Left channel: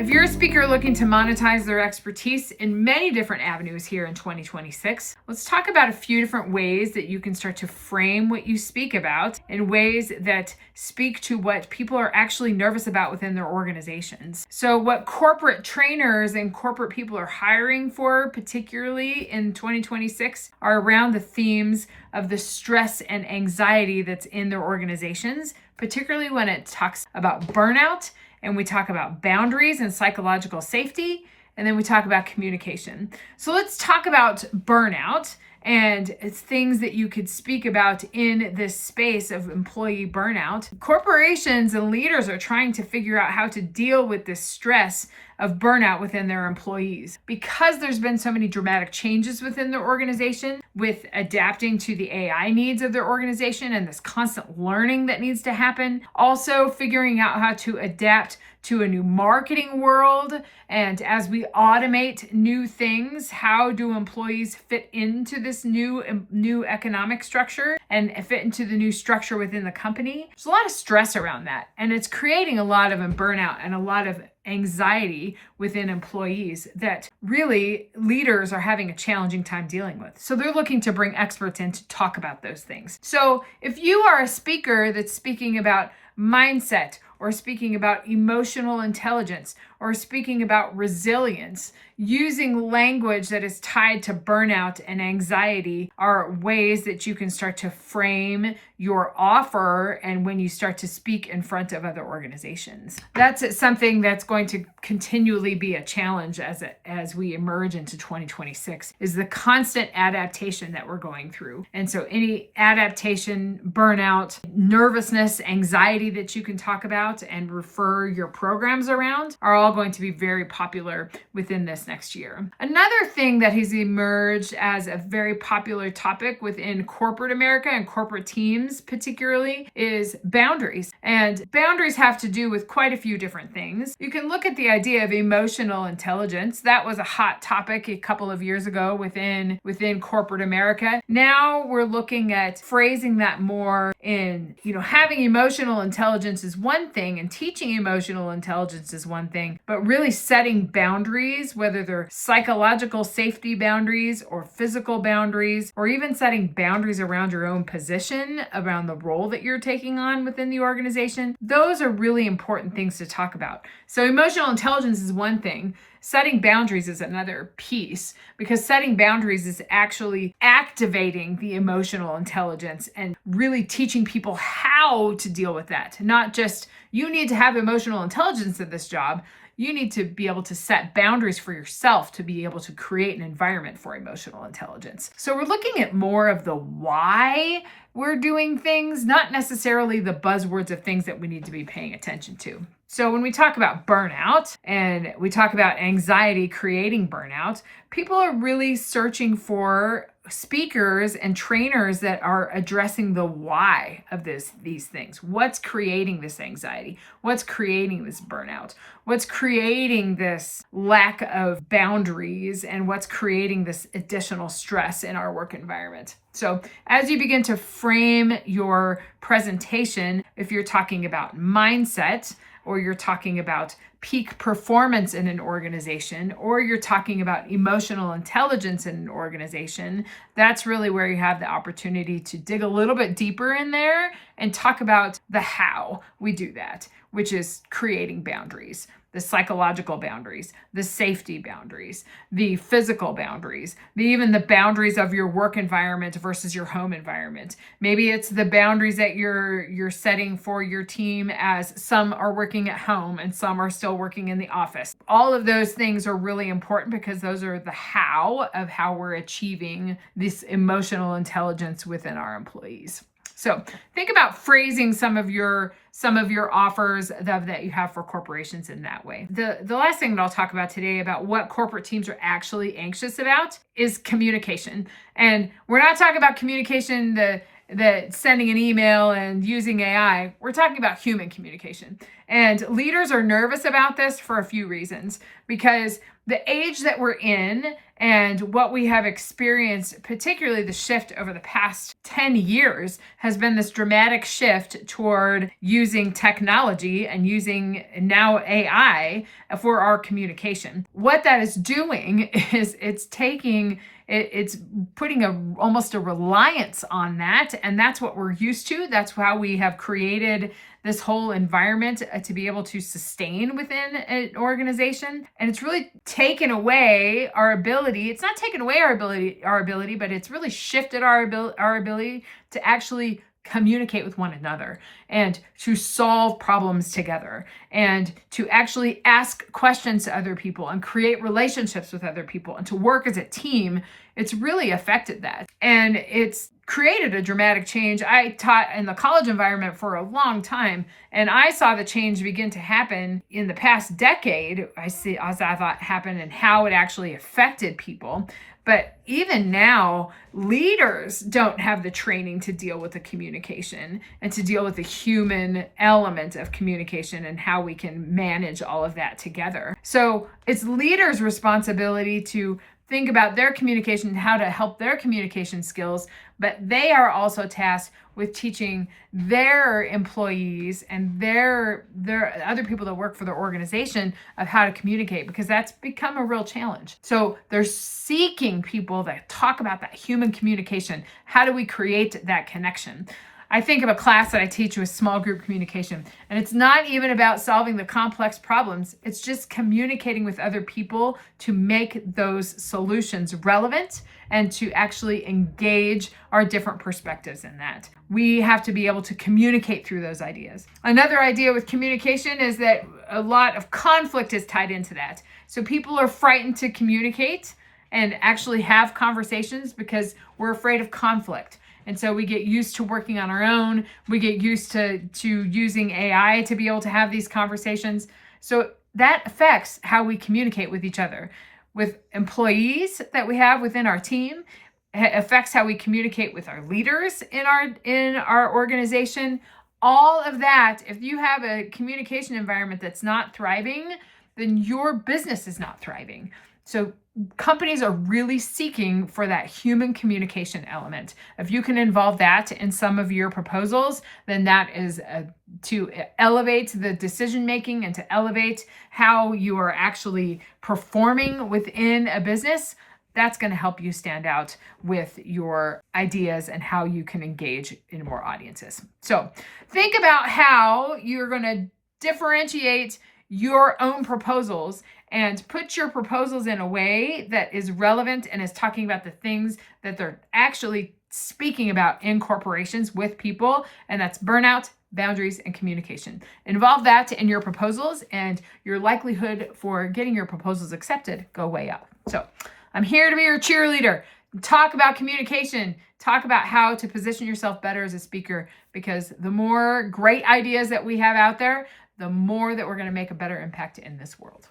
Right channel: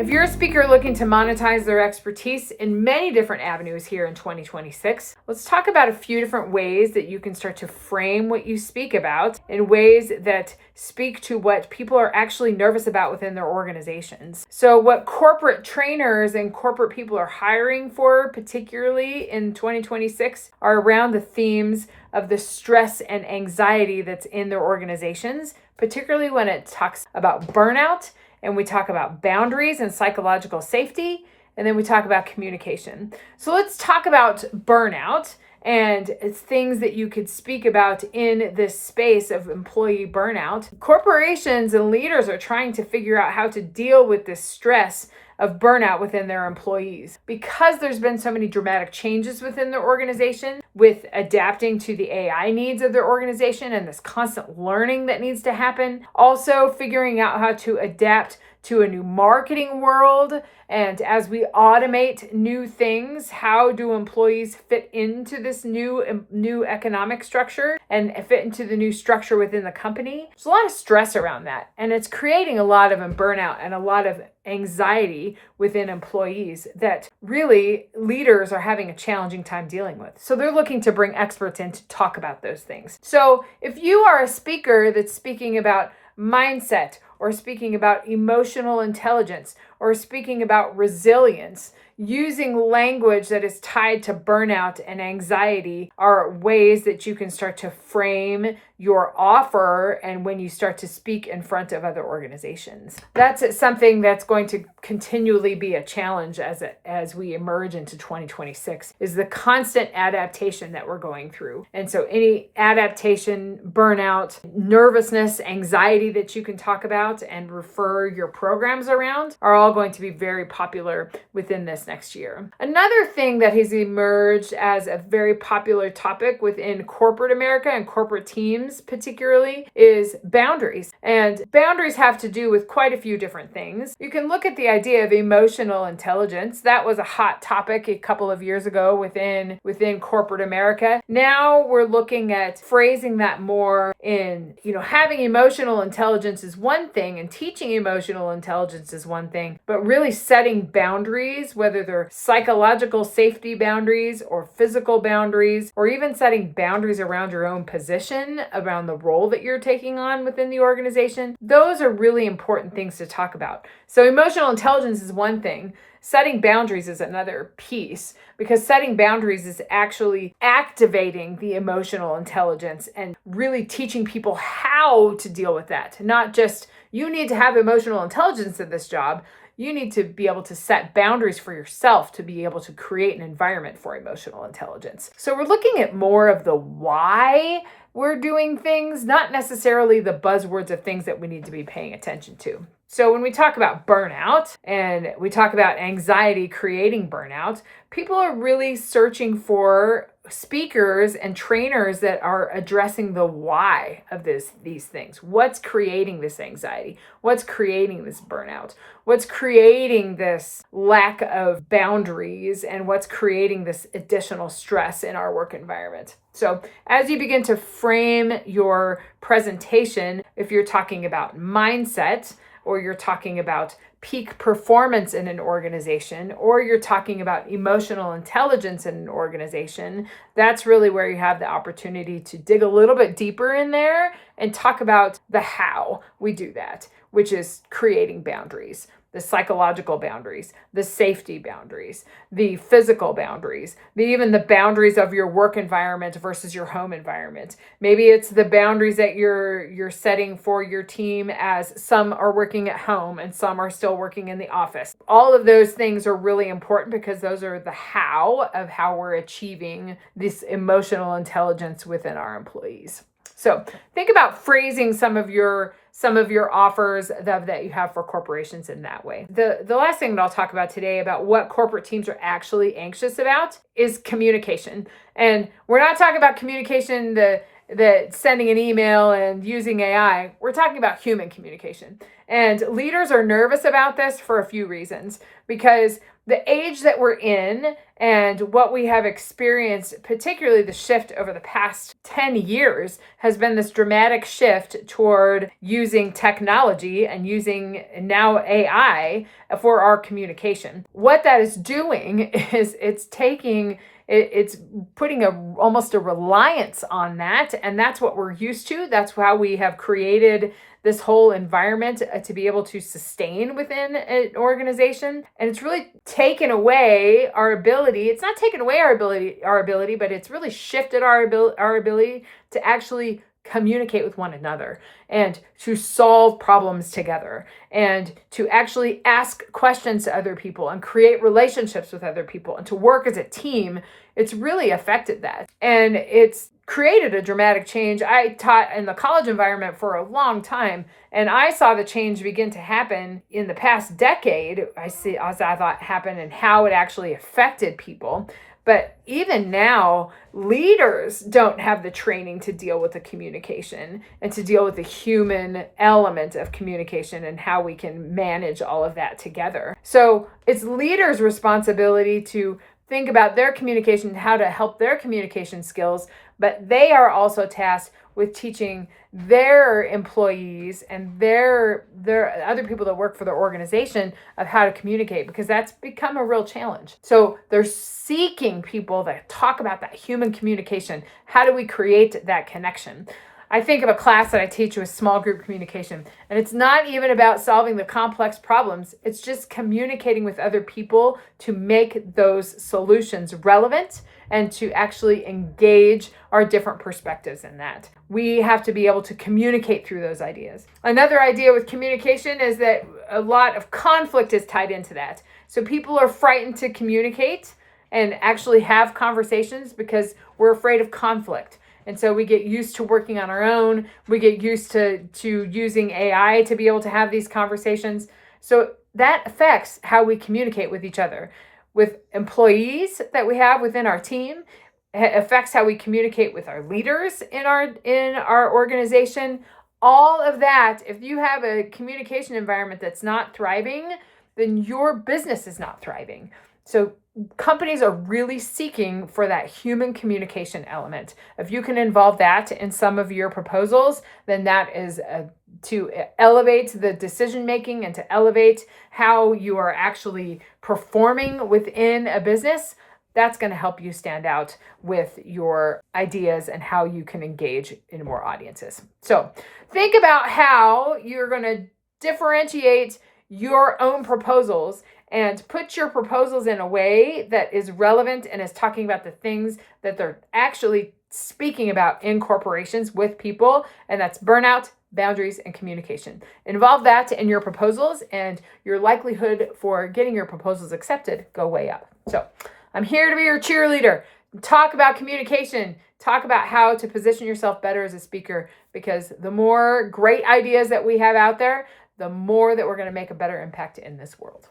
If you're a speaker looking to monetize their expertise in many different avenues here in 2026, let's talk about a few different ways that you can start to frame what you speak about in ways that speak to what people are actually nervous about within their organizations. So what corporate trainers and corporate people are hiring for, particularly in 2026, are around the themes of the stress and anxiety that's in their organizations, particularly when it talks about burnout. And we talk about boundaries and psychological safety, and then we talk about communication. So let's talk about burnout, and it's things that you could speak about in this space of employee burnout. Corporations and leaders are trying to figure out how to deal with this stress of burnout within their employees. Because there's been so many dramatic changes within their organization with adapting to the AI needs of their organization and this constant learning that needs to happen. Also figuring out how to adapt to a new marketing world. And as we automate new things, how do employees fit into this new economic structure and fit into the new structure within the company? There's a lot of stress around that. And it's creating a lot of burnout and a lot of anxiety within employees that really leaders are having a challenging time dealing with. So they're looking to bring experts in to talk about those things. So if you are a speaker that's speaking about mindset or speaking about emotional intelligence or speaking about resilience, using language that is tied to burnout and anxiety are ways that you can start to frame your offer and when you start to speak in front of other organizations. That's something that's going to continually be a challenge as we emerge into 2026, is the constant adaptation that we're going through. And so any adaptation, burnout, nervousness, anxiety that you can talk about and refer your programs around are all going to be very popular within this next year. Another thing that has emerged as a very popular topic within corporate America and corporate teams particularly is boundaries. And boundaries have to do with quite a few different things. You can look at the idea of emotional intelligence. That was a hot topic a couple of years ago within corporate America. Now we're looking at phrasing that more in, having emotional intelligence is one thing and teaching emotional intelligence is one thing, but really setting boundaries, whether they're psychological safety boundaries or physical boundaries, or even setting boundaries around your own position, around the role that you're taking on within the organization. Those are really important things to talk about. So emotional intelligence is one thing. Setting boundaries is another piece, because setting boundaries is actually activating the emotional intelligence and really teaching people how to deal with that. Not just you need to have emotional intelligence in this job. You need to be able to set boundaries for yourself to be able to create an environment for emotional intelligence. So we're looking at more of the why we're doing things, not necessarily the buzzwords of things that we need to be paying attention to. So when we talk about burnout and we talk about anxiety creating burnout, people are really searching for speakers and trainers that are addressing the why of these things. What's creating this anxiety? What's creating this burnout? What's creating this lack of boundaries? And what's creating this additional stress in our work environment? So as you begin to frame your presentation, if you're talking about mindset, or you're talking about peak performance in an organization, or you're talking about emotional intelligence in an organization, that's really where you have the opportunity to dig a little bit deeper in there and talk about the how we do that, which is creating boundaries. The psychological boundaries, the safety boundaries, the physical boundaries, even the boundaries of your work environment versus your home environment. Maybe it's the boundaries that you're setting for your team, as some are working at home and some are still working in the office. All of those things are really important because those are the how of how we're achieving this emotional intelligence within our employees. So think about phrasing some of your offers that you have for corporations in that way. The last thing that I'll talk about today about what corporate teams are actually anxious about is communication. And we're not talking about communication that sending an email and using AI. We're talking about human communication. And leaders are nervous about this for a few reasons, because the age that we're in and what we have experienced, particularly the shift over the past 10 years, has been this dramatic shift toward using technology and using now AI for our communication. What that is doing is it's putting almost a reliance on that. And that's what we're used to. That's how we have created this whole environment to be able to sustain within an organization. And it's really taken away our ability. It's not taken away our ability, but it's really shifted our ability to actually communicate with one another and to solve problems together and to actually ask questions to other people and create relationships with other people and to work as a team. It's really affected that. And it's created a dramatic change. I taught in the college environment for a long time, and I saw the change begin to happen in the past decade. I thought happen and how it actually affected people. But even now, leaders don't have the training to deal with the communication and to deal with the human element of communication and how we can manage all of that together. So it's leaders' responsibility to think about their communication and how to help their communication skills, but they are also tasked with teaching their employees and their other people that work for their organization of how to communicate, because that's become a real challenge. So they're seeking people that talk about that human communication. How do we create that connection? I think of a class that I teach with small group communication, and it's not even about solving the complex problems. It's just communicating with other people to make those solutions relevant and to actually engage our different perspectives in that. We have to be able to communicate through those ideas. Another idea with communication is that a lot of conflict is tied into that. So people are frightened to communicate and actually have conversations because we're afraid of conflict. And so we get used to working on our own. We get used to using AI to be able to have these conversations. So that affects how we communicate with each other. With employees that we have within our team, it affects how we communicate with our leaders in our organization. All of that, if you have a communication environment that's not thriving, then your business is not thriving. So companies are really seeking for that human communication element. If you can involve that in some of your proposals, then that is to elevate the decision making and to elevate how you are actually performing within a business. That's going to help you stand out with your ideas and how you can engage in more audiences. So think about how you're going to differentiate your own proposals and put your proposals in a way that is relevant and is talking about the things that they're actually speaking about in corporations with people. And that's burnout, boundaries, and communication. Involve that in your proposals, and your likelihood for getting your proposals accepted go way up. So I'm here to be your cheerleader. Talk about communication. Talk about how to position yourself better as a speaker, because the more great ideas that we have out there, the more that we're going to make a better impact in this world.